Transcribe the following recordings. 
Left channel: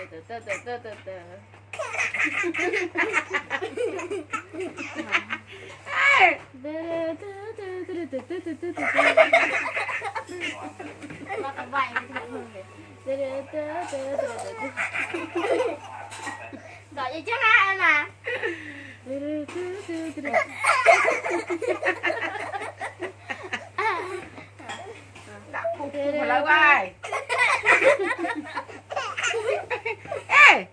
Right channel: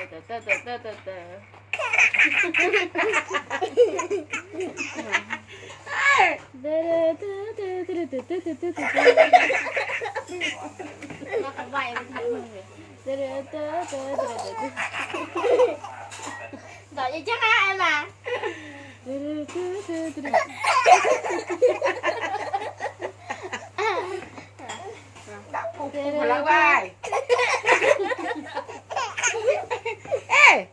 vậy đợi gì chắc á em à. Đã phục mà lâu ai. Ê.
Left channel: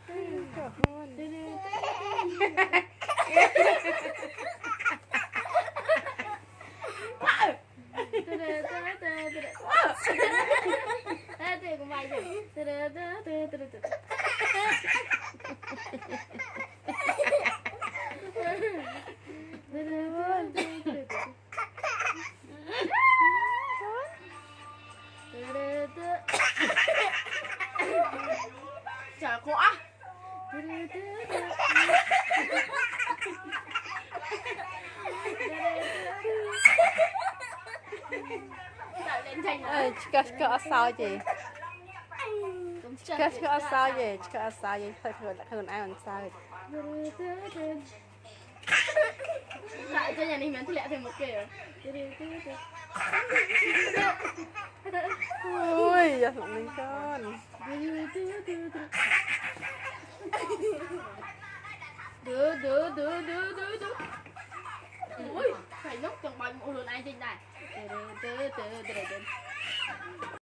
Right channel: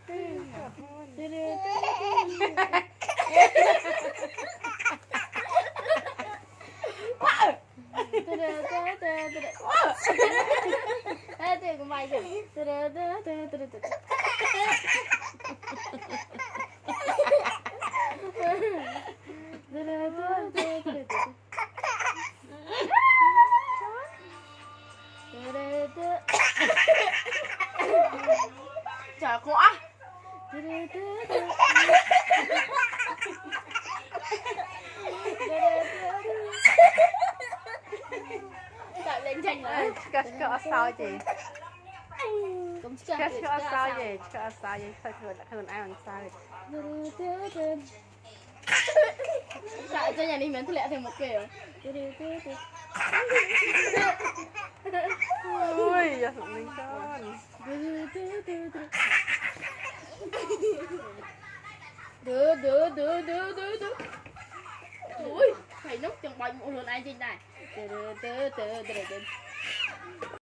Ê tụi cũng vậy chứ. Trời quá. Đợi lên tranh nữa. Có sao gì? Cũng Có sao gì? Có sao gì? Thôi hơn ai ăn sao. Tại cho nhà mình bán thì lẹ thêm một kiểu. Ôi, giờ mình con. Đưa. Ui, phải lúc trong bao nhiêu luôn anh trên này.